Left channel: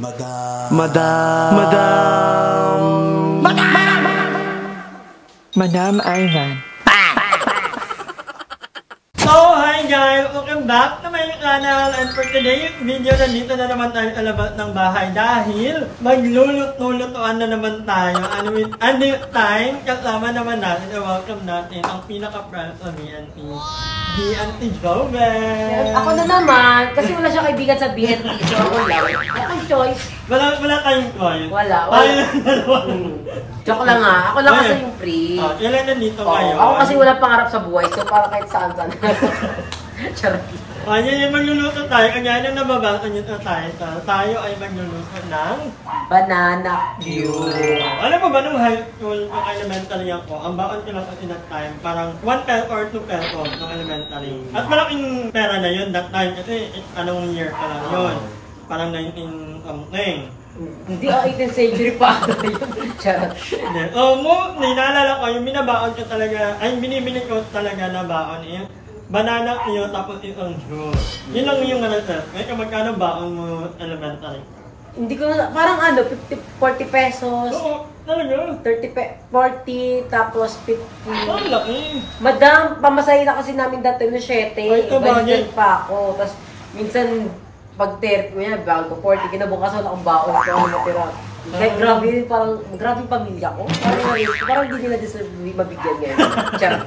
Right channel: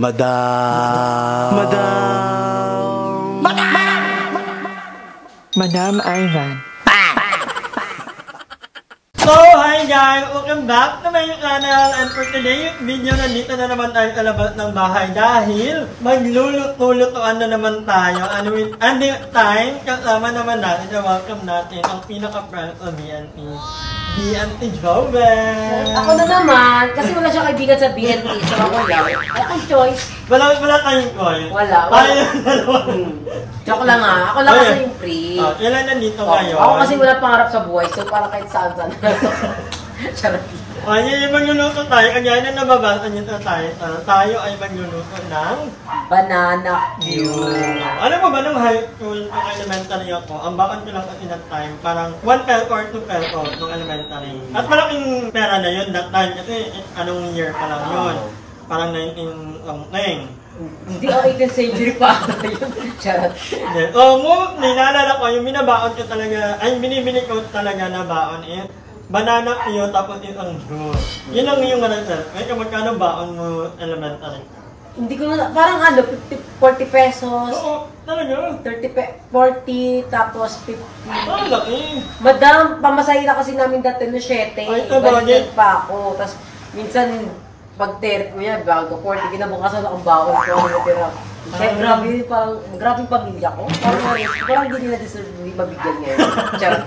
Madam. Madam Ivan. So, hi guys! Welcome back to my channel, and for today's video, nandito na naman tayo sa labas ng bahay dahil magluluto-lutoan na naman tayo. And with ending time, kasama naman natin, welcome natin ang pinaka-friend sa BNT. BNT Joven! Ako na naman, kasi wala siya kaibigan sa BNT, so ako lang. Ay, ang choice. Wala tayong call. Wala. Tayo yung dalawa. Joke lang nga. Ako lang kasi yung free. Ilan nandito ngayon? Ako kasi wala pangarap sa buhay, so para kahit saan. Charot. Ayan yung magluluto tayo. Kanya na nababasa nyo tayo. Tayo ay magluluto ng Banana Q. Alam mo ba nung high school, nung elementary ako, ang bakon ko lang kasi that time, parang 1 peso or 2 peso nung elementary. At malaking pera na yun that time kasi anong year pa lang yun. Parang 19 something. Hindi ang 18th century pa. Charot. So, naalala ko, yung binabaon ko talaga, ay binibili ko talaga na baon eh. Banana Q tapos isang juice. Yun lang yung may magkano baon mo elementary? Hindi ko na, parang 40 pesos. Oo, talaga. 40, tapos 50. Oh, laki. Madam, pamasahin na kasi namin dati no 7. Ay, Balikan pa ako. Tapos, minsan, pag 30 ko yan, bago 40, kinabukasan akong baon ko. Ano matira. Kaya grabe yung pamilya ko. Parang hindi nila deserve mabigyan ngayon. Charot.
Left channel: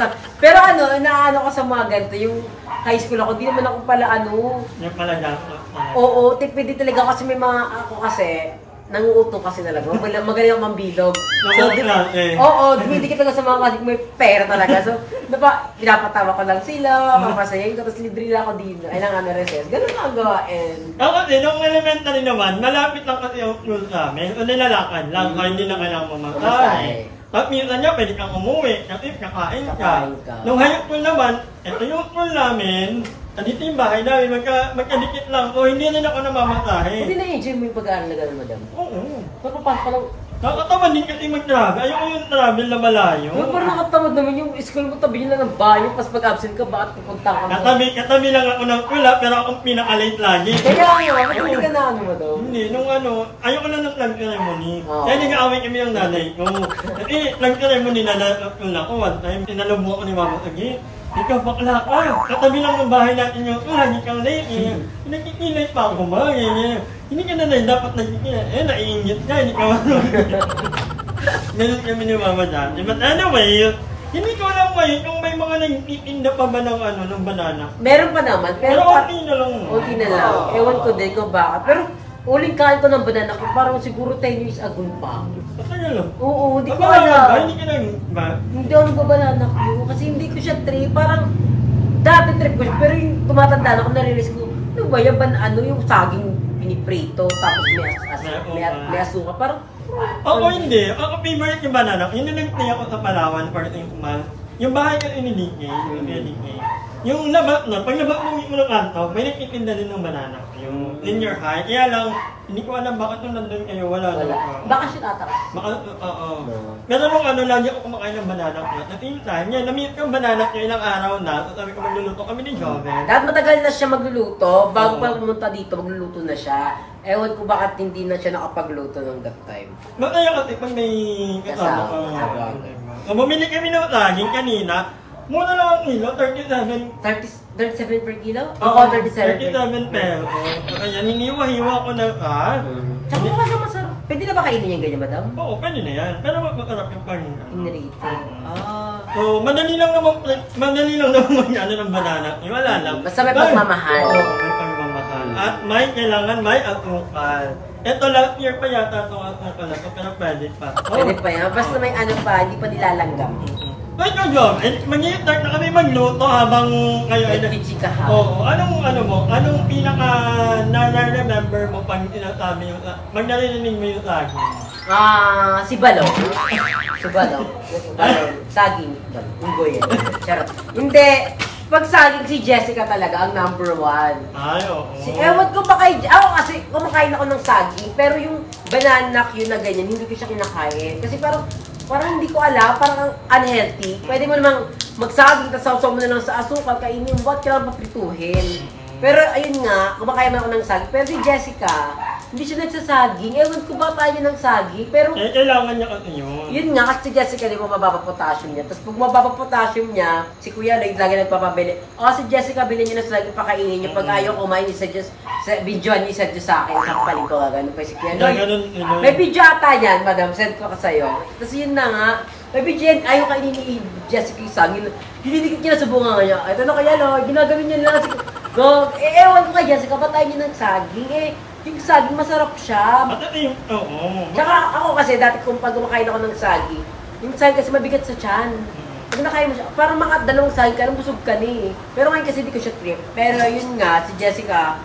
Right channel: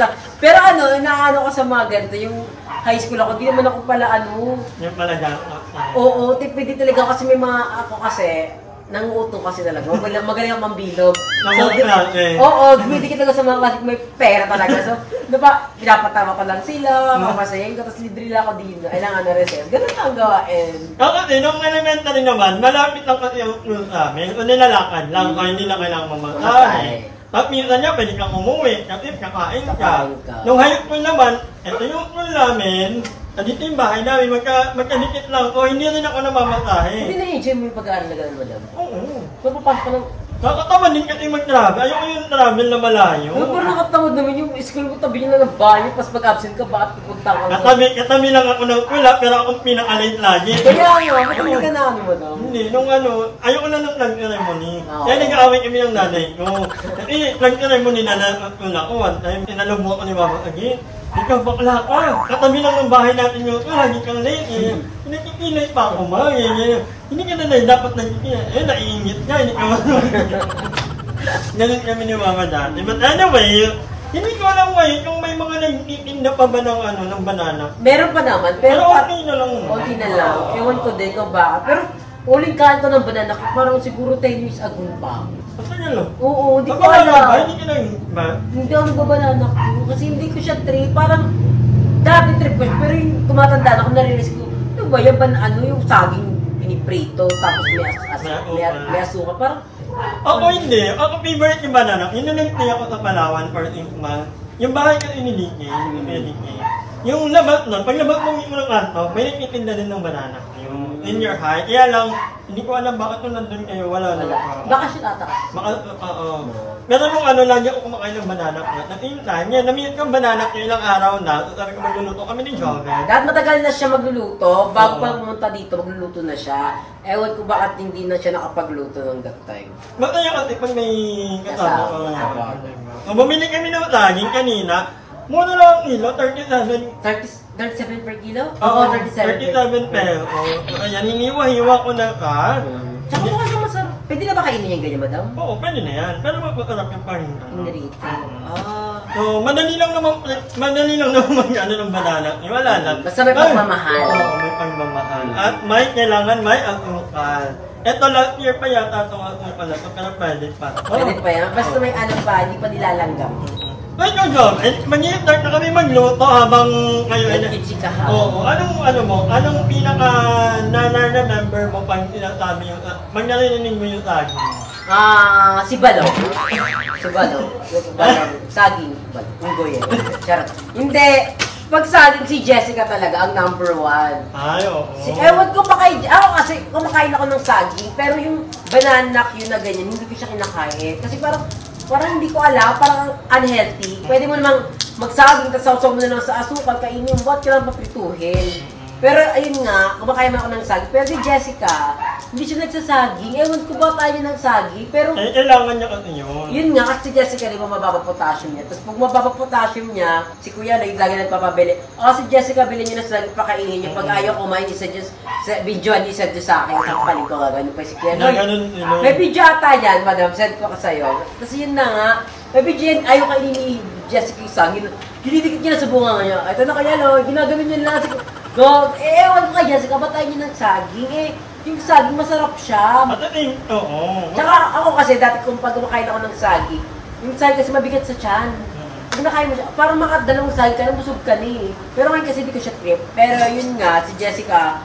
Lang. Pero inaano ko sa mga ganito, yung high school ako, di naman ako pala Yung pala dyan. Oo, tipid talaga kasi may mga ako kasi, nanguutong kasi talaga. Magaling ang mambilog. Oo, dumidikit lang sa mga klasik may pera talaga. So, pinapatawa ko lang sila, papasayain ko, tapos libre lang ako din. Ay lang recess. Ganun lang ang gawain. Kasi nung elementary naman, malapit lang kasi yung school sa amin. So, nilalakad lang, kaya hindi na kailangang mamasahe. At minsan niya, pwede kang umuwi, kasi kakain ka. Nung high school naman, ito yung school namin, dito yung bahay namin, magkadikit lang. O hindi rin ako namamasahe. Hindi na-enjoy mo yung pag-aaral na gano'n, madam? Oo. Papapasok ka lang. Nakakatamad din kasi mag-travel. Ayoko yung travel na malayo. Pero parang nakatamad naman yung school mo, tabi nyo lang ng bayo, pas pag-absent ka, bakit pupunta ka lang? Katabi lang ako ng pula, pero akong pinaka-late lagi. Kaya ba't hindi ka na madam? Hindi, ayoko na ng flag ceremony. Kaya nag-aaway kami ng nanay ko. Kasi flag ceremony na ako one time, tinalubong ako ni Mama Agi. Ikaw bakla ka, katabi lang ng bahay natin yung lagi kang late eh. Nakikilay pa ako ma, hindi ka na dapat nagkikilay. Naiingit ka, hindi ka marunong. Ganun kami ni Mama dati. But anyway, hindi ko alam ngayon kung may mga nagtitinda pa ba ng banana. Meron pa naman, pero okay na lang. Okay na lang. Ewan ko din kung bakit. Pero uling kanto ng banana ko, parang siguro 10 years ago pa. Patagal lang. Oo, hindi ko alam. Hindi ka nang ba? Hindi ako nagbabanana ko kasi hindi ko siya trip. Parang dati trip ko siya, pero yung tumatanda na ako, narirealize ko, ano ba yan? Yung saging piniprito, tapos may asukal. Parang ako hindi. Ako favorite yung banana. Yun nag-play ako sa Palawan for 8 months. Yung bahay kasi ni DK, yung labas nun, pag labas mo ng kanto, may nagtitinda din ng banana. Yung in your high. Kaya lang, hindi ko alam bakit nung nandun kayo, wala. Bakasyon ata. Oo. Pero nung lagi ako kumakain ng banana ko. At yung time, namit ko banana ko ilang araw na. So sabi ko magluluto kami ni Joven. Dahil matagal na siya magluluto, bago pa pumunta dito, magluluto na siya. Ewan ko bakit hindi na siya nakapagluto ng that time. Mataya kasi pag may kasama ko. Bumili kami ng saging kanina. Muna lang ang kilo, 37 per kilo? Oo, 37 pesos. Ayan, hiniwa-hiwa ko na ka. Tsaka mukha siya masarap. Pwede na ba kainin yung ganyan, madam? Oo, pwede na yan. Pero masarap yung pang Inrito. So, madali lang naman ng banana. Wala lang. Basta may pagmamahal. Oo, may pagmamahal. At kailangan may asukal. Ito last year pa yata itong asukal na ito, pero pwede pa. Pwede pa yan. Basta may hindi pa nilalanggam. Wait, Job, mag-start na kami magluto habang kayo ay nagchichikahan. Oo, anong pinaka na-remember mo pag sinasabi yung, narinig mo yung saging? Si Balaw. Saging. Unggoy yan. Charot. Hindi. Pag saging si Jessica talaga ang number 1. Ay, oo. Ewan ko ako kasi kumakain ako ng saging, pero yung banana Q na ganyan, hindi ko siya kinakain. Kasi parang hindi ko alam, parang unhealthy. Pwede mo namang magsaging, tapos sausaw mo na lang sa asukal, kainin yung buhat, kailangan paprituhin. Pero ayun nga, kumakain ako ng saging. Pero si Jessica, hindi siya nagsasaging. Ewan ko ba tayo ng saging, pero Kailangan niya kasi yun. yun nga, kasi si Jessica, di ba, mababa potassium niya. Tapos pag mababa potassium niya, si Kuya, lagi nagpapabili. O si Jessica, bilhin niya na sa lagi pakainin niya. Pag ayaw kumain, isa-just, sa videoan niya, isa-just sa akin. Kapaling ko ka, ganun pa si Kuya. Na ganun, May video ata yan, madam, send ko ka sa'yo. Tapos yun na nga, may video yan, ayaw kainin ni Jessica yung saging. Dinidikit niya na sa bunga niya. Ito na kaya, no, ginagawin niya lang. Ewan ko kay Jessica, ba't tayo niya ng saging? Yung saging, masarap siya. At oo. Tsaka ako kasi, dati kung pag kumakain ako ng saging, yung saging kasi mabigat sa tiyan. Pag nakain mo siya, parang makadalawang saging ka, busog ka ni. Pero ngayon kasi di ko siya trip. Pero yun nga, si Jessica,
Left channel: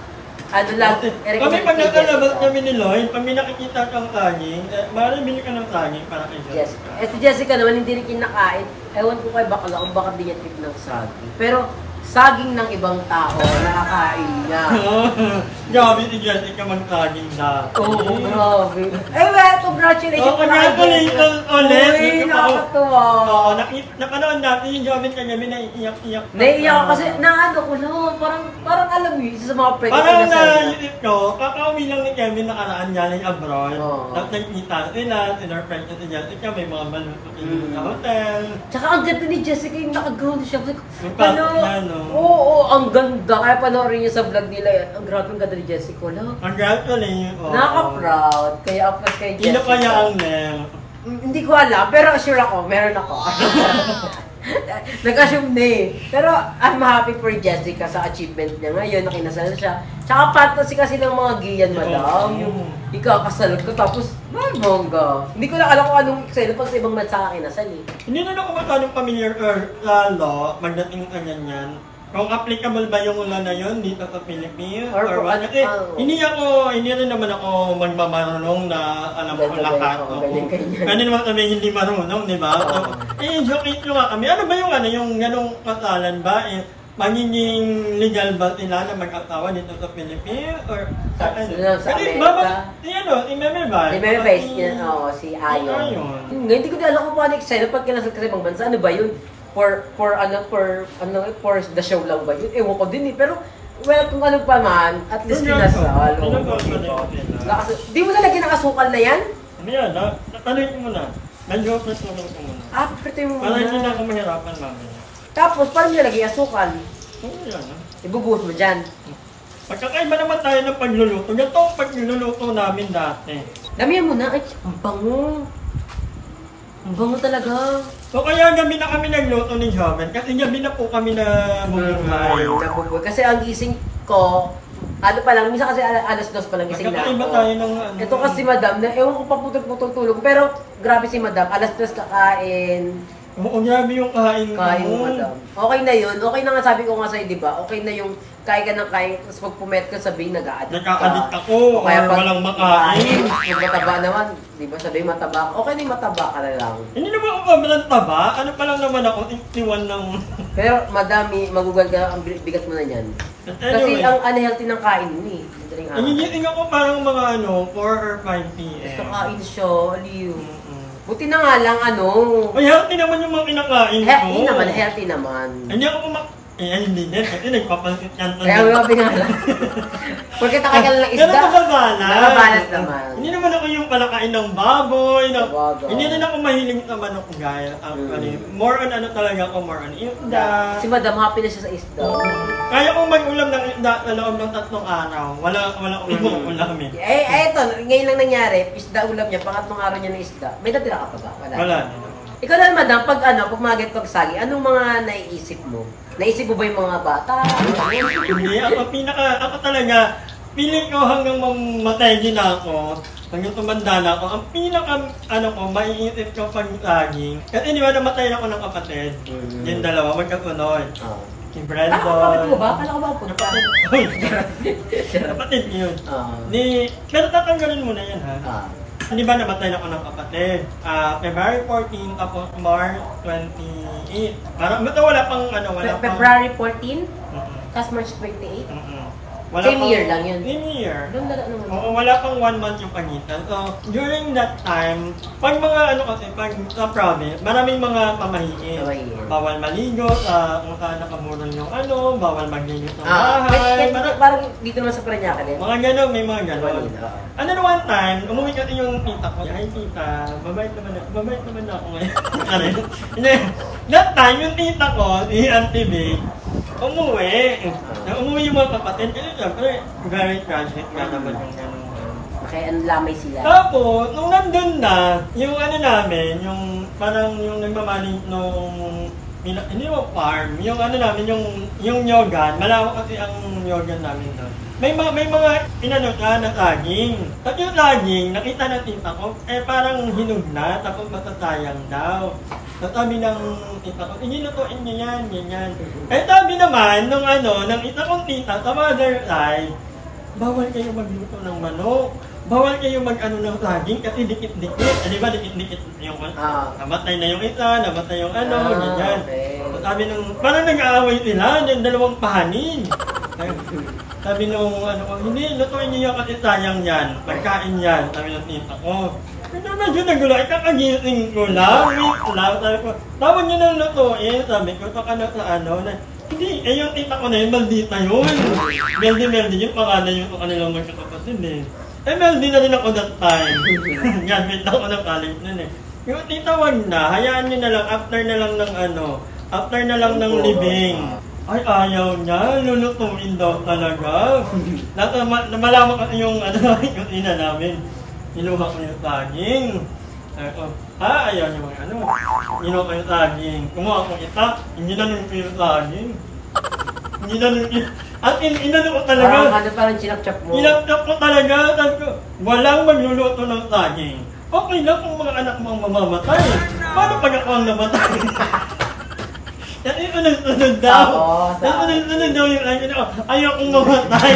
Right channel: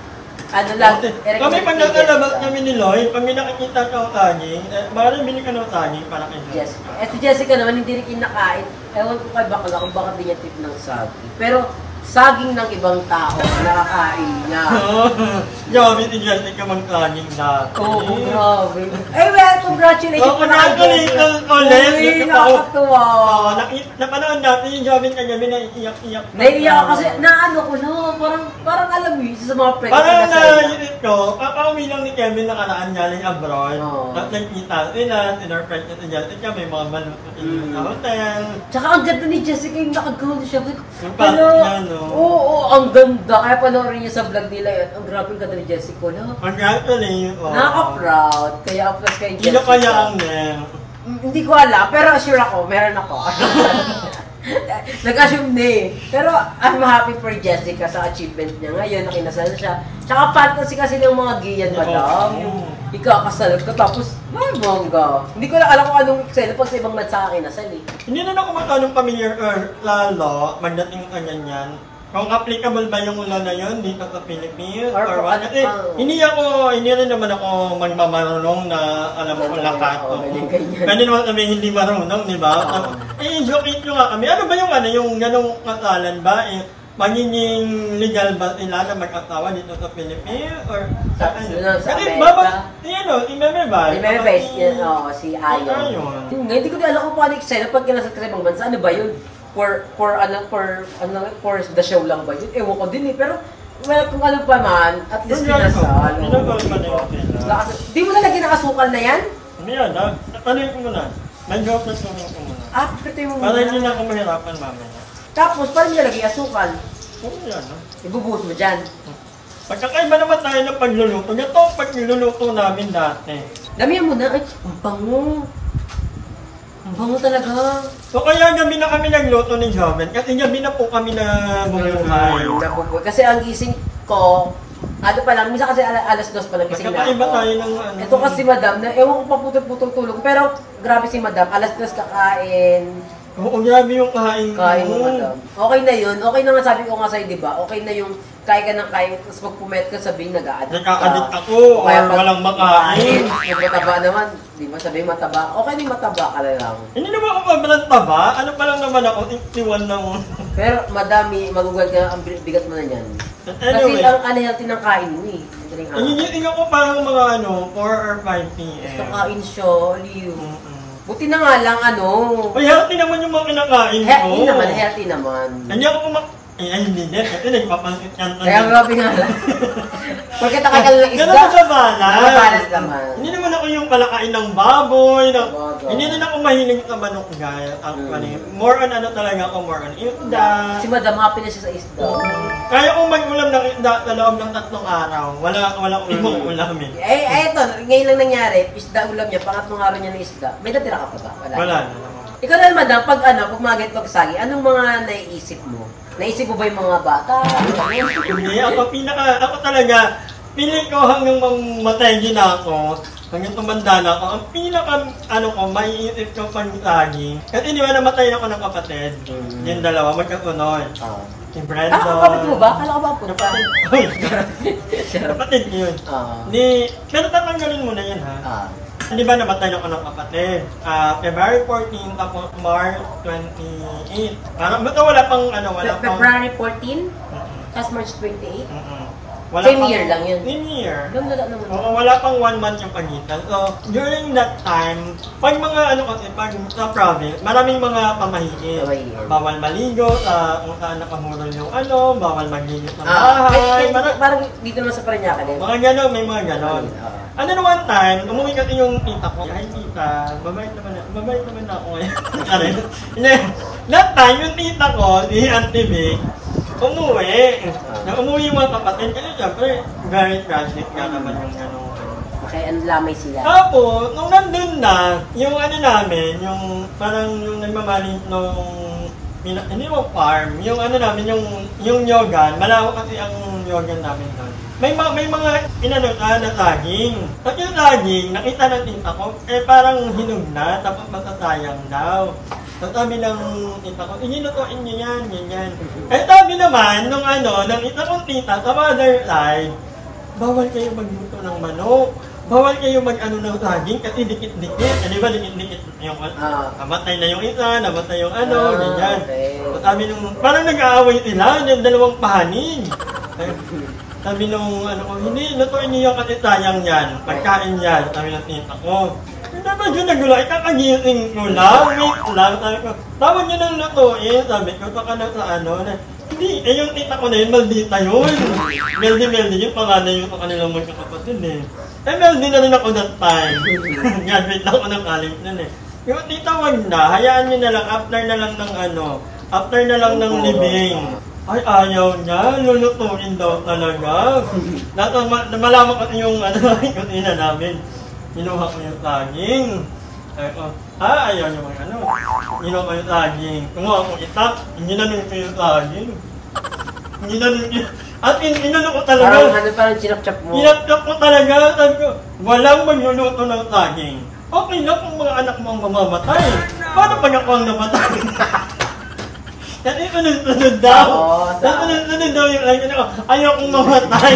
ano lang, kami pag nakalabas kami ni Lloyd, pag may nakikita kang saging, parang bili ka ng saging para kay Jessica. Yes. Si Jessica naman, hindi rin kinakain. Ewan ko kay bakla kung bakit di niya tip ng saging. Pero, saging ng ibang tao, nakakain niya. Grabe si Jessica mag-saging dati. Oo, grabe. Well, congratulations po na ulit. Uy, nakakatuwa. Napanood natin yung Jovin kagabi na iiyak-iyak. Naiiyak ako kasi, naano ko lang, parang alam mo yun, sa mga friends ko parang na sa naisip ko, kakauwi lang ni Kevin nakaraan galing abroad. Tapos nakikita sila, sinurprise na si Jessica, may mga maluto sa hotel. Tsaka ang ganda ni Jessica, yung nakagawin siya. Yung pasok niya, no? Oo, ang ganda. Kaya panoorin niyo sa vlog nila. Ang grabe ang ganda ni Jessica, no? Actually, Nakaka-proud. Kaya upload kay Jessica. Sino ko niya ang name? Hindi ko alam, pero sure ako, meron ako. Nag-assume na eh. Pero I'm happy for Jessica sa achievement niya ngayon, nakinasal siya. Tsaka fantasy kasi ng mga giyan, madam. Yung ikakasal ka, tapos may bongga. Hindi ko lang alam kung anong eksena pag sa ibang bansa ka kinasal eh. Hindi na ako matanong familiar or lalo, magdating ka ganyan. Kung applicable ba yung law na yun dito sa Philippines or what? Kasi hindi rin naman ako magmamarunong na alam ko lahat. Pwede naman kami hindi marunong, di ba? Joke nyo nga kami. Ano ba yung ganong kasalan ba? Magiging legal ba sila na mag-asawa dito sa Philippines? Or sa ano? Sa Kasi Amerika? Imemebay. Imemebay, si Ayon. Hindi ko alam kung paano eksena pag kinasal ka sa ibang bansa. Ano ba yun? For the show lang ba yun? Ewan ko din eh. Pero, well, kung ano pa man, at least kinasal. Di mo na lagyan ng asukal na yan? Ano yan, ha? Taluin ko muna. Medyo pasunin ko muna. Pwede mo muna. Para hindi na ako mahirapan mamaya. Tapos, parang nilalagay asukal. Oo, yan, ha? Ibubuhos mo dyan. Pagkakaiba naman tayo ng pagluluto. Ito ang pagluluto namin dati. Damihan mo na. Ay, ang bango. Ang bango talaga. So kaya gabi na kami nagluto ni Joven kasi gabi na po kami na bumuhay. Kasi ang gising ko, ano pa lang, minsan kasi alas 2 pa lang gising na ako. Tayo ng ano. Ito kasi madam, ewan ko pa putol-putol tulog, pero grabe si madam, alas 2 kakain. Oo, grabe yung kain ko. Kain mo, madam. Okay na yun. Okay na nga, sabi ko nga sa'yo, di ba? Okay na yung kain ka ng kain, tapos pag pumet ka, sabihin nag-a-addict ka. Nagka-addict ako, or walang makain. Yung mataba naman, di ba? Sabihin mataba. Okay na yung mataba ka na lang. Hindi naman ako sobrang taba. Ano pa lang naman ako, 61 lang. Pero madami, magugal ka, ang bigat mo na yan. Anyway, kasi ang unhealthy ng kain mo eh. Nagigising ako parang mga 4 or 5 p.m. Basta kain siya, aliw. Buti na nga lang, Ay, healthy naman yung mga kinakain ko. Healthy naman. Hindi ako hindi din. Kasi nagpapansit yan. Kaya grabe nga lang. Porque takay ka lang ng isda. Ganun nababalance. Nababalance naman. Hindi naman ako yung palakain ng baboy. Hindi rin ako mahiling sa manok, guys. Actually, more on talaga ako, more on isda. Si Madam, happy na siya sa isda. Kaya kung mag-ulam ng isda sa loob ng 3 araw, wala akong ibang ulam eh. Ito, ngayon lang nangyari, isda ulam niya, pangatlong araw niya ng isda. May natira ka pa ba? Wala na. Ikaw naman, Madam, pag mga ganitong sagi, anong mga naiisip mo? Naisip mo ba yung mga bata? Hindi, ako talaga, pili ko hanggang mamatay din ako, hanggang tumanda na ako, ang maiisip ko pag saging. Kasi di ba namatay na ako ng kapatid, yung dalawa, magkasunod. Si Brandon. Kapatid mo ba? Kala ko ba po? Kapatid yun. Pero tatanggalin mo na yan, ha? Hindi ba namatay na ako ng kapatid? February 14, tapos March 28. Parang, basta wala pang February 14? Tapos March 28? Same year lang yun? Same year. Ganda naman. Oo, wala pang 1 month yung pagitan. So, during that time, pag mga pag sa province, maraming mga pamahiin. Bawal maligo, kung saan nakamurol yung bawal magligo ng bahay. Parang dito naman sa Parañaque din. Mga gano'n, may mga gano'n. Ano na one time, umuwi kasi yung tita ko. Ay tita, babait naman ako ngayon. Hindi, that time yung tita ko, si Auntie Vic, umuwi. Umuwi yung mga kapatid. Kasi syempre, very tragic nga naman yung ano. Kaya ang lamay sila. Tapos, nung nandun na, yung ano namin, yung parang yung nagmamali nung hindi mo farm, yung ano namin, yung yogan, malawak kasi ang yogan namin doon. May mga inanutan na saging. At yung saging, nakita ng tita ko, parang hinog na, tapos matasayang daw. So sabi ng tita ko, inilutuin niyo yan, ganyan. Sabi naman, ng isa kong tita, sa mother side, bawal kayo magluto ng manok. Bawal kayo mag-ano ng saging kasi dikit-dikit. Di ba dikit-dikit yung namatay na yung isa, namatay yung ganyan. Okay. So, sabi nung, parang nag-aaway sila, yung dalawang pahanin. Sabi nung, hindi, lutuin niyo yung kasi sayang yan. Pagkain yan, sabi ng tita ko. Hindi medyo nagulo, ikakagising ko lang, wait lang. Sabi ko, tawag niyo ng lutuin. Sabi ko, saka na sa hindi, yung tita ko na yun, maldita yun. Meldy yung pangalan yung kanilang magkakapatid Meldy na rin ako that time. Graduate ako ng college nun Yung tita wag na, hayaan niyo na lang, after na lang ng libing. Ay, ayaw niya, lulutuin daw talaga. Malaman kasi yung yung ina namin. Inuha ko yung saging. Ayaw niyo inuha ko yung saging. Kumuha ko itak, hindi na nung yung saging. Hindi na nung at inano ko talaga. Parang chinap-chap mo. Chinap-chap ko talaga. Sabi ko, walang magluluto ng saging. Okay lang kung mga anak mo ang mamamatay. Paano pag ako ang namatay? Yan yung sunod-sunod daw. Sunod-sunod daw yung ayaw kong mamatay.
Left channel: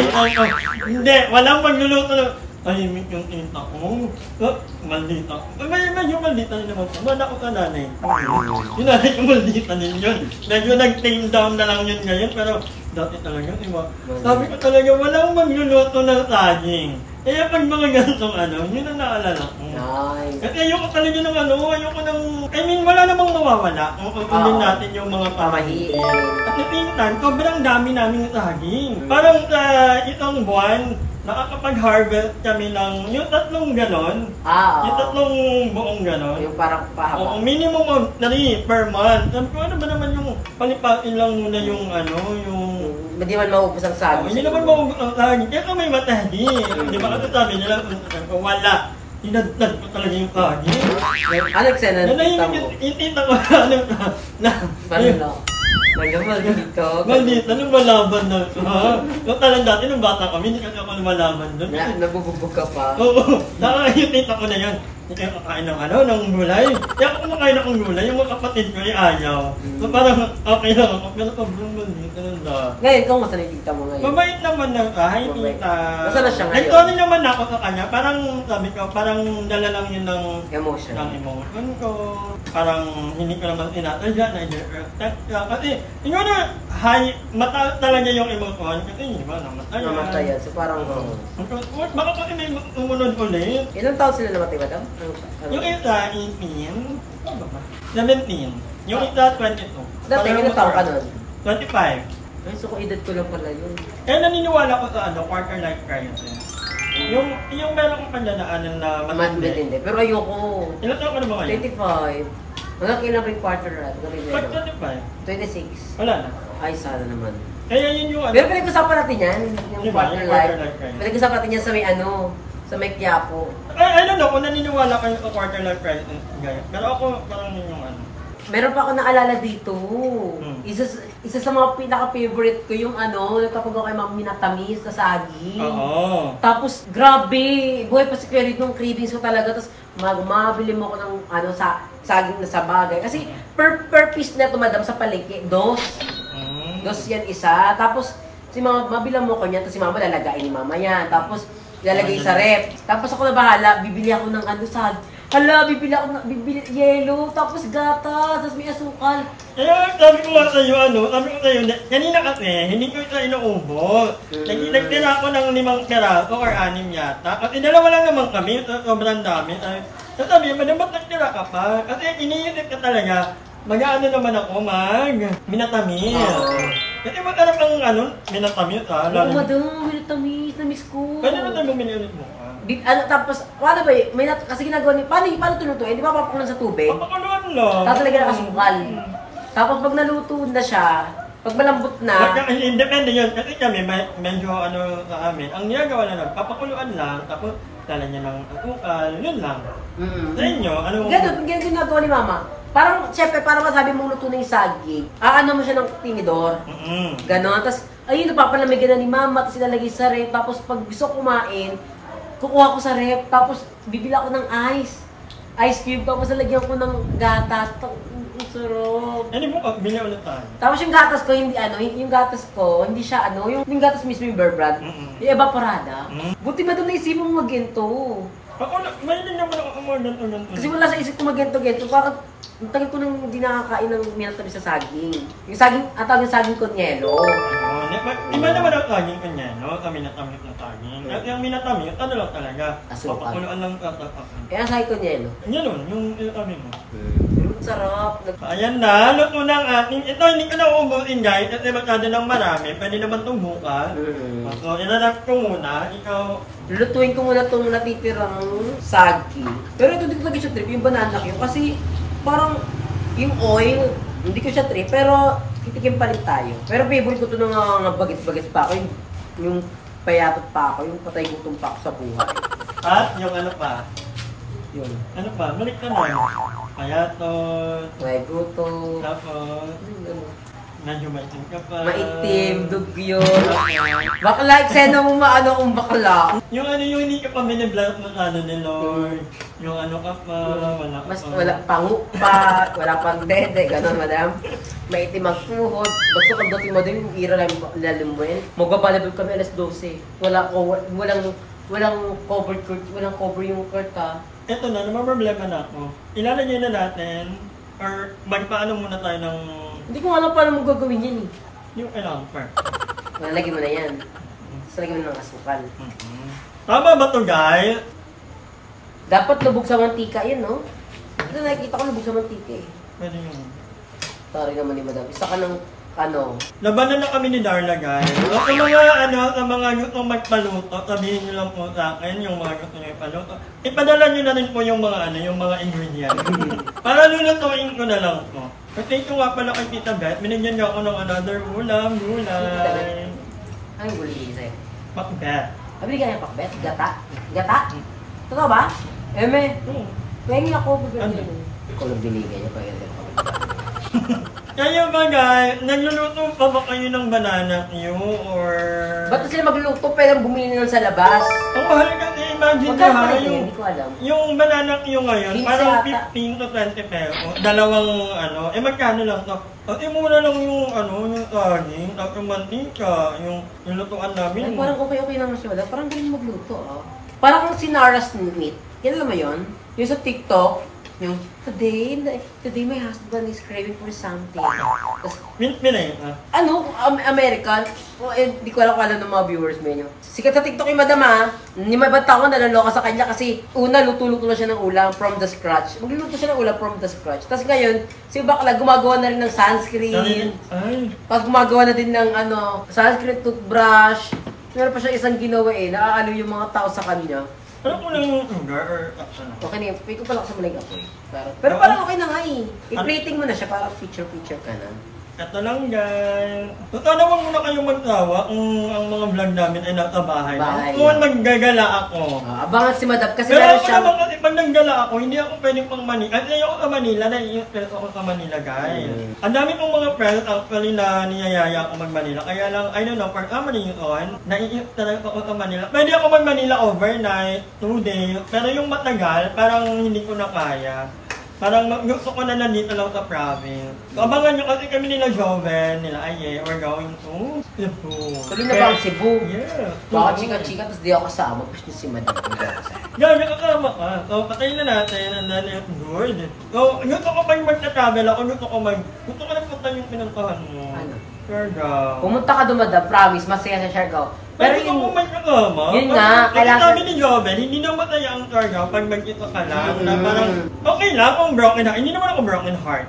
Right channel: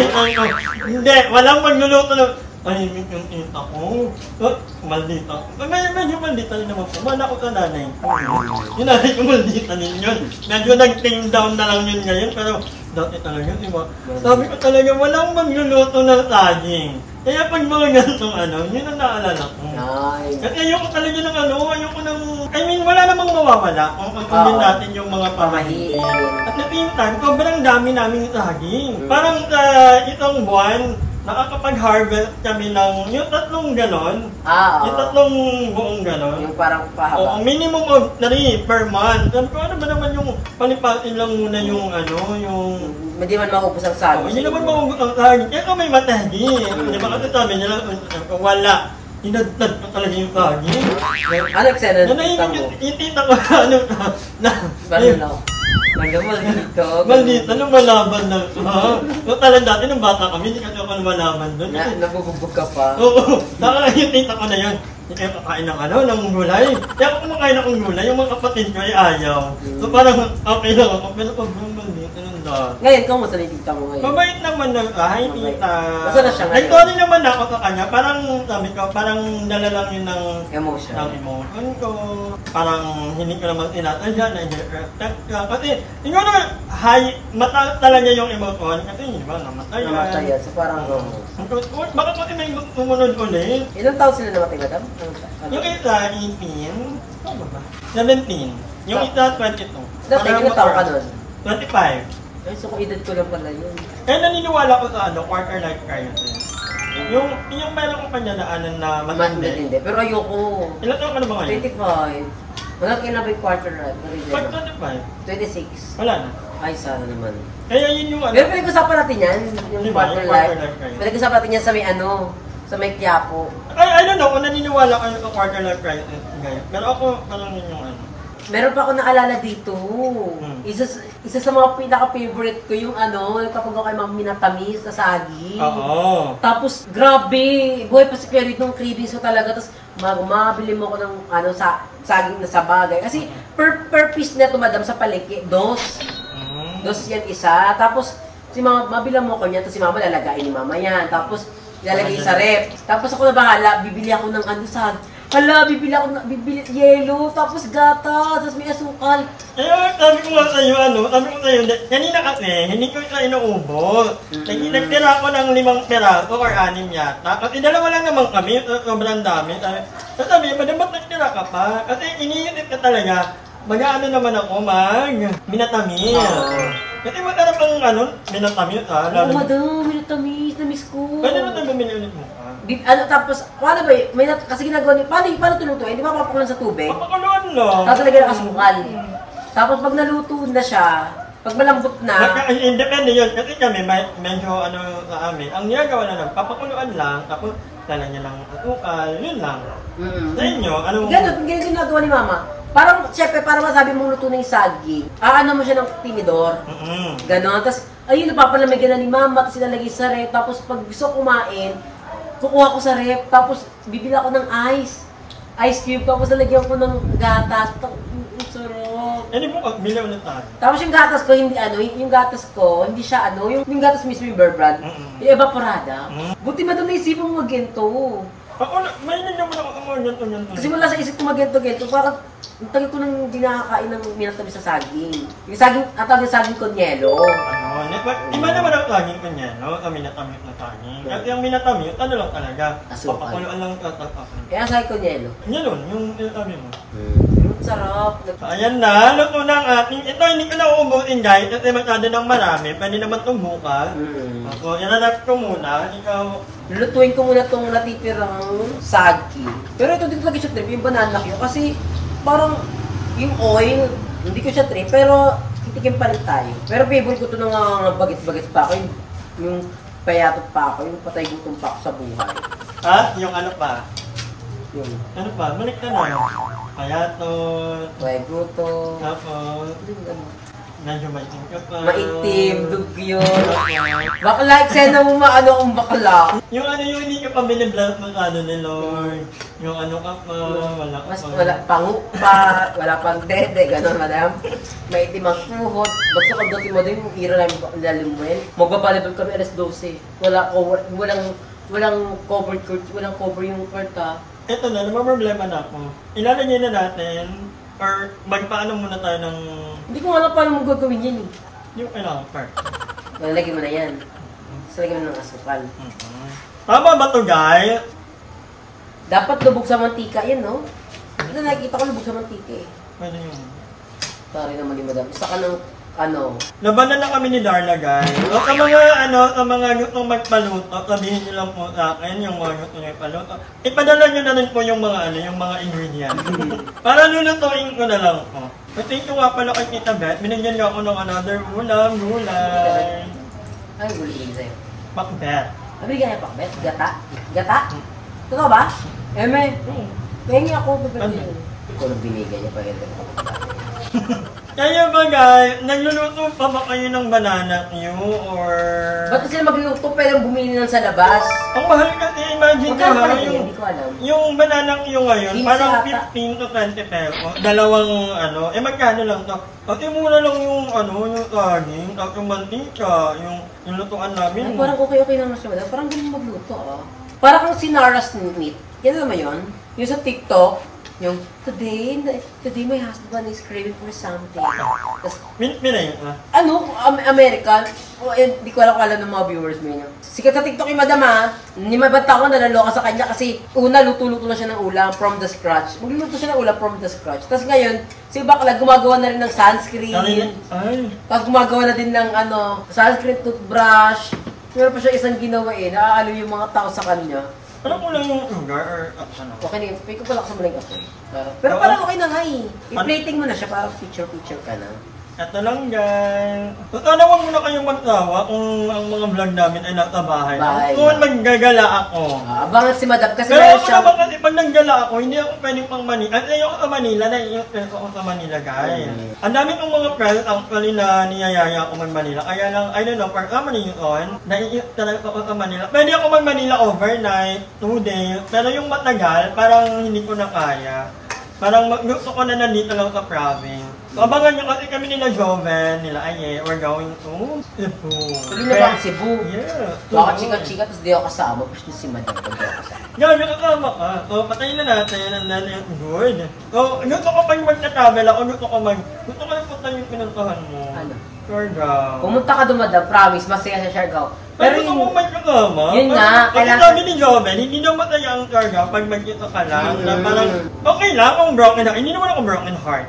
Hindi, walang magluluto ng tahimik yung tita ko. Maldita. Medyo maldita rin naman po. Mana ko sa nanay. Yung nanay ko maldita din yun. Medyo nag-tame down na lang yun ngayon. Pero dati talaga, diba? Sabi ko talaga, walang magluluto ng saging. Kaya pag mga ganitong yun ang naalala ko. At ayoko talaga ng ayoko ng... wala namang mawawala kung din natin yung mga pamahiin. At the same time, sobrang dami naming saging. Parang sa isang buwan, nakakapag-harvest kami ng yung tatlong ganon. Yung tatlong buong ganon. Yung parang pahaba. Minimum of 3 per month. Sabi ko, ano ba naman yung palipatin lang muna yung hindi man maubos ang saging. Hindi naman maubos ang saging. Kaya kung may matahdi. Di ba kasi sabi nila, wala. Hinadtad ko talaga yung saging. Ano eksena ng tita mo? Yung tita ko Maldito. Maldito, lumalaban na. So talagang dati nung bata kami, hindi kasi ako lumalaban doon. Nabubugbog ka pa. Oo, saka yung tita ko na yun. Hindi kayo kakain ng gulay. Kaya ako kumakain akong gulay, yung mga kapatid ko ay ayaw. So parang okay lang ako, pero pag maldito nun dahil. Ngayon, kung masanay tita mo ngayon? Mabait naman na, hi tita. Basta na siya ngayon? Sorry naman ako sa kanya, parang sabi ko, parang dala lang yun ng emotion ko. Parang hindi ko naman tinatadya, na-respect ka. Kasi, tingnan na, mataas talaga yung emotion. Kasi, di ba, namatay yan. So parang, baka kasi may umunod ulit. Ilang taon sila namatay, madam? Yung isa, 18. Ano ba? 17. Yung isa, 22. Dati, ilang taon ka nun? 25. Ay, so kung edad ko lang pala yun. Kaya naniniwala ko sa quarter life crisis. Yung meron kong pandyanaanan na matindi. Pero ayoko. Ilan taon ka na ba ngayon? 25. Malaki na ba yung quarter life? 25? 26. Wala na. Ay, sana naman. Kaya yun yung Pero pinag-usapan natin yan, yung diba, quarter yung life. crisis. Pinag-usapan natin yan sa may sa may Quiapo. I don't know kung naniniwala kayo sa quarter life crisis. Pero ako, parang yun yung Meron pa ako naalala dito. Isa sa mga pinaka-favorite ko yung kapag ako kay Ma'am Minatamis na saging. Oo. Tapos, grabe, buhay pa si Clary nung cravings ko talaga. Tapos, mabili mo ko ng saging na sa bagay. Kasi, per piece na ito, madam, sa palengke, dos yan isa. Tapos, mabilang mo ko niya, tapos si Mama lalagain ni Mama yan. Tapos, ilalagay sa rep. Tapos ako na bahala, bibili ako ng bibili yelo, tapos gata, tapos may asukal. Kaya sabi ko nga sa'yo, kanina kasi, hindi ko isa inuubos. Nagtira ako ng 5 peraso or 6 yata. Kasi 2 lang naman kami, sobrang dami. Sabi niya, ba't nagtira ka pa? Kasi iniisip ka talaga, naman ako, Minatamis. Kasi magkarap ang Minatamis, Oo, madam, Minatamis, na-miss ko. Pwede na tayo bumili ulit mo, Tapos, paano ba yun? Kasi ginagawa niya, paano tulutuin? Di ba papakulan sa tubig? Papakuluan lang. Tapos lagyan ng asukal. Tapos pag naluto na siya, pag malambot na, Depende yun. Kasi kami, medyo ano sa amin. Ang ginagawa na lang, papakuluan lang, tapos lalagyan ng asukal, yun lang. Sa inyo, anong... Ganun, ginagawa ni Mama. Parang, syempre, para masabi mong luto na yung saging, aano mo siya ng tinidor. Ganon. Tapos, ayun, napapalamigyan na ni Mama, tapos ilalagay sa rep. Tapos, pag gusto kumain, kukuha ko sa rep. Tapos, bibila ko ng ice cube. Tapos, lalagyan ko ng gatas. Ang sarap. Hindi mo, bili ulit tayo. Tapos, yung gatas ko, hindi siya yung gatas mismo yung Bear Brand. Yung evaporada. Buti ba doon naisipin mo magento? May naman ako ganito. Kasi wala sa isip ko magento-gento. Parang, ang tagal ko nang hindi nakakain ng minatabi sa saging. Yung saging, atawag yung saging konyelo. Iba naman ang saging kanyano, minatamit na saging. At yung minatamit, ano lang talaga, Asukal. papakuluan lang Kaya saging konyelo. Ganun, yung sabi mo. Sarap. Ayan na, luto na ang ating. Ito, hindi ko na uubusin guys, kasi masyado ng marami. Pwede naman itong bukas. So, inanap ko muna. Ikaw, Lulutuin ko muna itong natitirang saging. Pero ito, hindi ko lagi siya trip, yung banana cue. Kasi parang yung oil, hindi ko siya trip, pero titikim pa rin tayo. Pero favorite ko ito ng bagit-bagit pa ako, yung payatot pa ako, yung patay gutom pa ako sa buhay. at yung ano pa? Yung Ano pa? Balik ka na. Payatot. patay gutom, Tapos, medyo maitim ka pa. maitim, dugyo. Bakla, eksena mo maano kung bakla. Yung ano yung hindi ka pa biniblat ng ano ni Lord. Yung ano ka pa, wala ka Mas pa. wala pangu pa, wala pang dede, gano'n madam. Maitim ang tuhod. Basta pagdating mo din yung ira na yung lalim mo yun. Magbabalibal kami alas 12. Walang cover court, walang cover yung court ha. Ito na, naman problema na ako. Ilalagay na natin, or magpaano muna tayo ng Hindi ko alam paano mo gagawin yan eh. yung kailangan first. Lalagyan mo na yan. Tapos lagyan mo ng asukal. Tama ba to guys? Dapat lubog sa mantika yan, no? Ito nakikita ko lubog sa mantika eh. Pwede yung... Sorry naman ni madam. Isa ka ng ano. Labanan na kami ni Darla guys. Sa mga gustong magpaluto, sabihin niyo lang po sa akin yung mga gusto niyo ipaluto. Ipadala niyo na rin po yung mga yung mga ingredients. Para lulutuin ko na lang po. So, thank you nga pala kay Tita Beth. Binigyan niyo ako ng another gulay. Ano yung gulay sa'yo? Pakbet. Binigyan niya pakbet? Gata? Gata? Totoo ba? Eme? Pahingi ako. Ano? Ikaw lang binigyan niya pa ganyan pakbet. Kaya ba guys, nagluluto pa ba kayo ng banana Q or... Ba't sila magluluto? Pwede bumili nun sa labas. Ang mahal kasi, imagine ko Magkano pa ha, rin yun? Hindi ko alam. yung banana Q ngayon, 15 parang yata. 15 to 20 pesos. Dalawang magkano lang to? At mura lang yung yung saging, at yung mantika, yung lutuan namin. Ay, parang okay naman siya. Parang galing magluto ah. Parang kang sinaras meat. Yan naman yun? Yung sa TikTok, yung today my husband is craving for something. Tapos, Minay, American? Hindi ko alam kung alam ng mga viewers mo yun. Sikat sa TikTok yung madam ha. Hindi mabanta ko nalaloka sa kanya kasi una luto-luto na siya ng ulam from the scratch. Magluluto siya ng ulam from the scratch. Tapos ngayon, si Bakla gumagawa na rin ng sunscreen. Ay, Pag gumagawa na din ng sunscreen, toothbrush. Meron pa siya isang ginawa naaalo yung mga tao sa kanya. alam ko lang yung sugar or ano. Okay na yun, pay ko pala sa maling apoy. Pero parang okay na nga I-plating mo na siya para picture-picture ka na. Ito lang guys. Sana huwag muna kayong magtawa kung ang mga vlog namin ay nasa bahay. Kung maggagala ako. Abangan si Madam kasi Pero meron ako siya. naman kasi pag naggala ako, hindi ako pwedeng pang Manila. At ayoko sa Manila, nai-stress ako sa Manila guys. Ang dami kong mga friends actually na niyayaya ako mag-Manila. Kaya lang, I don't know, for some reason, nai-stress ako sa Manila. Pwede ako mag-Manila overnight, 2 days. Pero yung matagal, parang hindi ko na kaya. Parang gusto ko na nandito lang sa province. So, abangan nyo kasi kami nila Joven, nila Aye, we're going to Cebu. Tuloy na ba ang Cebu? Yeah. Baka chika-chika, tapos di ako kasama. Push niyo si Madam kung di ako kasama. Gaga kasama ka. So, patayin na natin ang nanay at good. So, gusto ko pag magta-travel ako, gusto ko na punta yung pinuntahan mo. Ano? Siargao. Pumunta ka doon, Madam. Promise, masaya sa Siargao. Pero Pero yung... kung may kasama, Yun nga, kasi kailangan- sabi ni Joven, hindi daw masaya ang Siargao pag magkita ka lang. Na parang, okay lang kung broken heart. Hindi naman ako broken heart.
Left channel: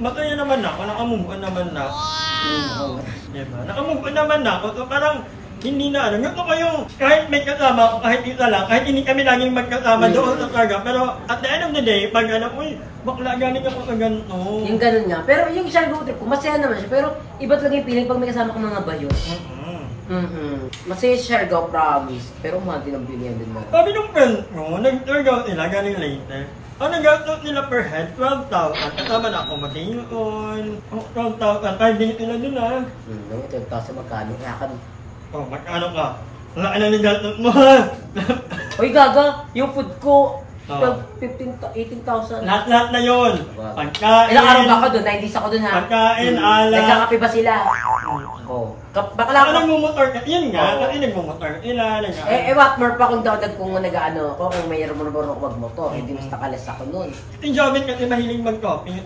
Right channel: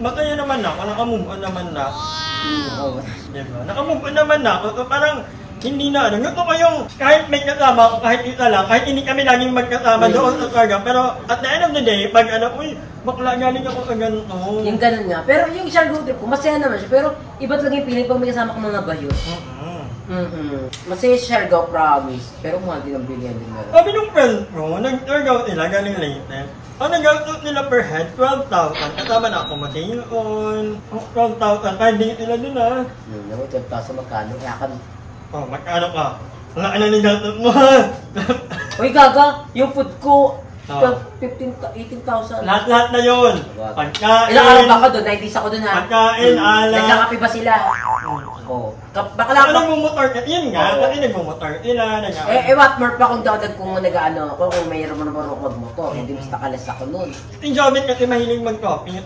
Masaya naman ako, nakamove on naman na. Diba? Nakamove on naman na ako. So, parang, Hindi na ano. Gusto ko yung kahit may kasama ako, kahit isa lang, kahit hindi kami laging magkasama doon sa Targa. Pero at the end of the day, pag ano, uy, bakla galing ako sa ganito. Yung ganun nga. Pero yung isang road trip ko, masaya naman siya. Pero iba talaga yung feeling pag may kasama ka mga bayo. Masaya si Siargao, promise. Pero mahal din ang bilihan din na. Sabi nung friend ko, nag-Targa sila galing Leyte. Ang nag-gastos nila per head, 12,000. Kasama na accommodation, 12,000. Kahit di sila dun ah. 12,000 magkano? Kaya ka. Oh, magkano ka? Wala ka na nag-gastos mo ha. Uy, gaga! Yung food ko, 18,000. Lahat-lahat na yun. Pagkain. Ilang araw ba ako doon? 90s ako doon ha? Pagkain, ala. Nagkakape ba sila? Oo. Baka lang Ako nagmumotor ka. Yun nga, kasi nagmumotor sila. what more pa kung daw kung nag-ano ko, kung mayroon mo na marunong magmotor. Hindi basta kalas ako noon. Si Joven kasi mahilig mag-coffee.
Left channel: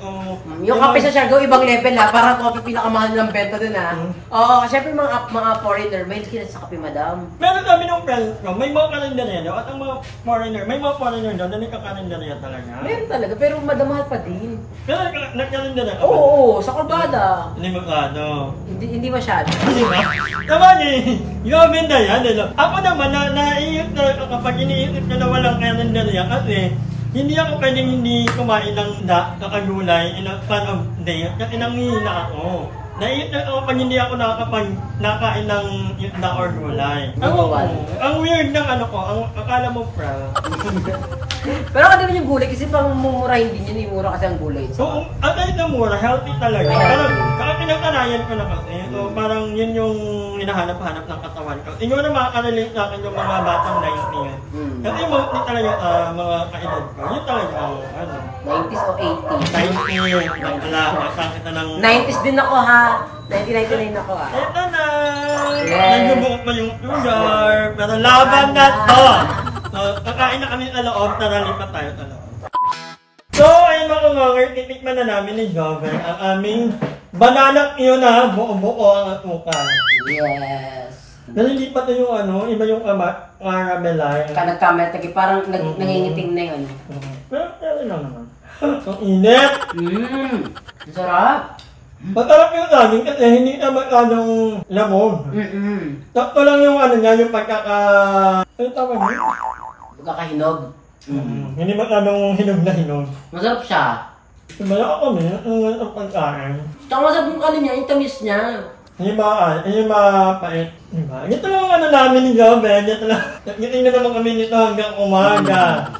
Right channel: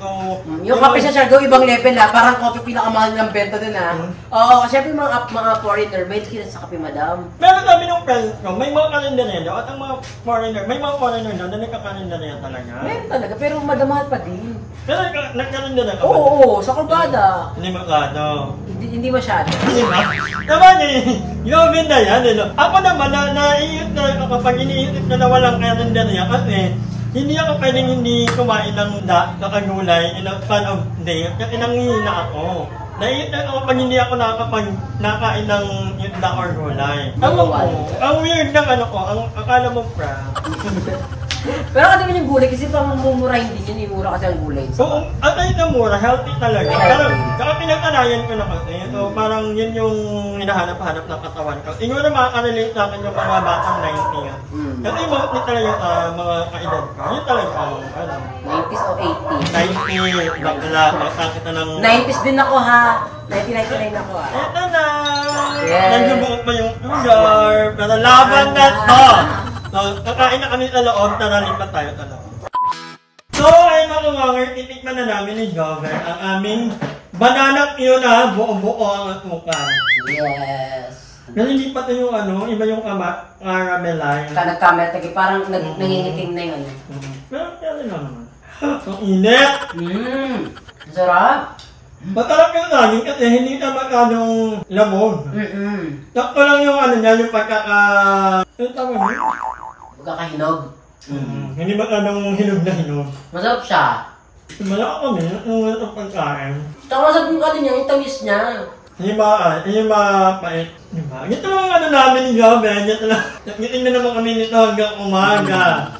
Yung kape sa Siargao, ibang level ha. Parang coffee pinakamahal ng benta din ha. Oo, syempre mga foreigner, may sila sa kape, madam. Pero sabi ng friends ko, may mga kalendarya at ang mga foreigner, may mga foreigner doon na nagkakalendarya talaga. Meron talaga, pero madamahal pa din. Pero nagkalendarya ka ba? Oo, sa Corbada. Hindi masyado. Hindi masyado. Naman eh, Joven na yan. Ako naman, naiisip na kapag iniisip ko na walang kalendarya kasi hindi ako pwedeng hindi kumain ng da sa kagulay in a span of day kasi nanghihina ako. Naiisip na ako pag hindi ako nakain ng da or gulay. Ang weird ng ano ko, ang akala mo pra. Pero kasi naman yung gulay kasi pang mumurahin din yun, mura kasi ang gulay. Oo, at ay na mura, healthy talaga. Pero kaya pinagkanayan ko na kasi, so parang yun yung hinahanap-hanap ng katawan ko. Siguro na makakarelate sa akin yung mga batang 90 yan. Kasi mostly talaga sa mga kaedad ko, yun talaga ang ano. 90s o 80s? 90, nakasang kita ng... 90s din ako ha! 1999 ako ha! Ito na! Yes. Nagbubuot pa yung sugar, pero laban na to! So, kakain na kami sa loob, tara lipat tayo sa loob. So, ayun mga kawanger, titikman na namin ni Joven ang aming banana yun na buo-buo ang atukan. Yes! Pero hindi pa ito yung ano, iba yung caramelize. Nagkamera, parang nangingitim na yun. Pero lang naman. Ang init! Ang sarap! Masarap yung saging kasi hindi na masyadong lamog. Sakto lang yung ano niya, yung ano tawag niya? Pagkakahinog. Hindi masyadong hinog na hinog. Masarap siya. Sumala kami, ang pagkain. Tsaka masarap yung kanin niya, yung tamis niya. Yung mapait. Diba? Ito lang ang ano namin ni Joven. Ito lang. Nagkiting na naman kami nito hanggang umaga.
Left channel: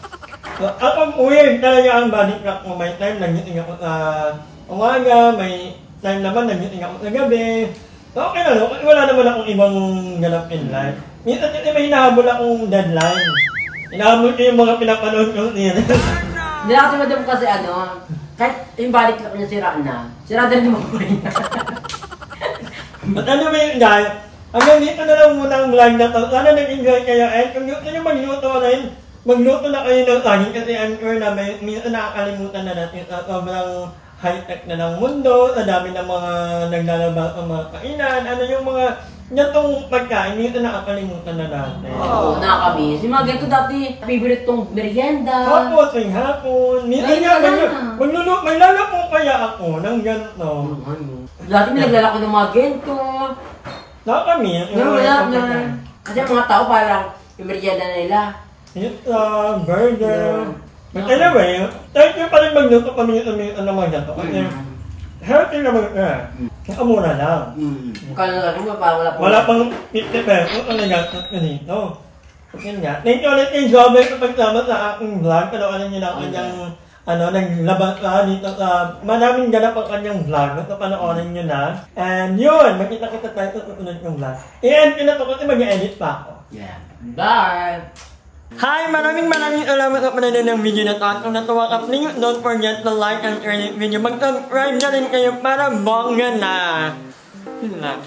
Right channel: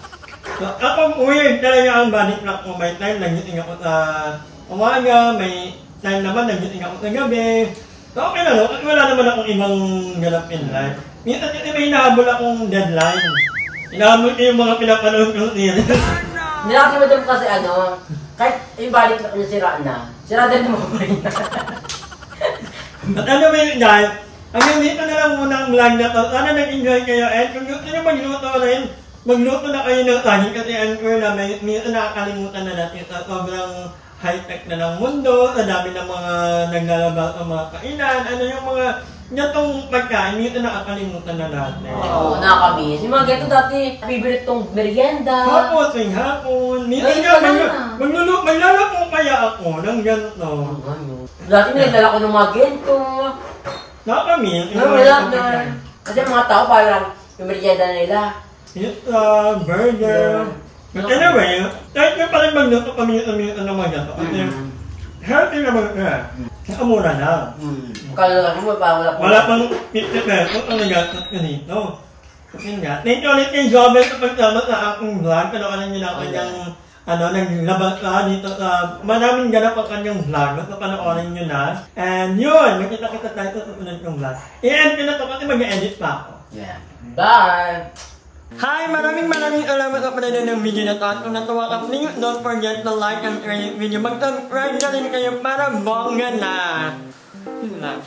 So, ako weird talaga ang body clock ko. May time nagiting ako sa umaga, may time naman nagiting ako sa gabi. So okay na no, kasi wala naman akong ibang ganap in life. Minsan kasi may hinahabol akong deadline. Hinahabol ko yung mga pinapanood ko niya. Nilakasama din kasi ano, kahit yung balik na niya sira din mo niya. At ano ba yun guys? Hanggang dito na lang muna ang vlog na to. Sana nag-enjoy kayo and kung gusto nyo magluto na kayo ng saging kasi I'm sure na may minsan nakakalimutan na natin sa sobrang high-tech na ng mundo, sa dami ng mga naglalabas ng mga kainan, ano yung mga ganitong pagkain, minsan nakakalimutan na natin. Oo, nakakamiss. Yung mga ganito dati, favorite tong merienda. Hapon. Minsan nga, maglalako kaya ako ng ganito. Dati may naglalako ng mga ganito. Nakakamiss. Wala na. Kasi mga tao parang yung merienda na nila. Pizza, burger. But anyway, kahit nga pa rin magluto kami ng mga ganito. Kasi healthy naman ka. Kaya mura lang. Kala mo parang wala pang 50 pesos ang nagastos ko dito. Kasi nga, thank you ulit kay Joven sa pagsama sa aking vlog. Panoorin niyo na ang kanyang naglabas ka dito sa maraming ganap ang kanyang vlog. So panoorin niyo na. And yun, magkita-kita tayo sa susunod yung vlog. I-end ko na to kasi mag-edit pa ako. Yeah. Bye! Hi! Maraming salamat sa panonood ng video na to. At kung natuwa ka, please don't forget to like and share this video. Mag-subscribe na rin kayo para bongga na! Yun lang.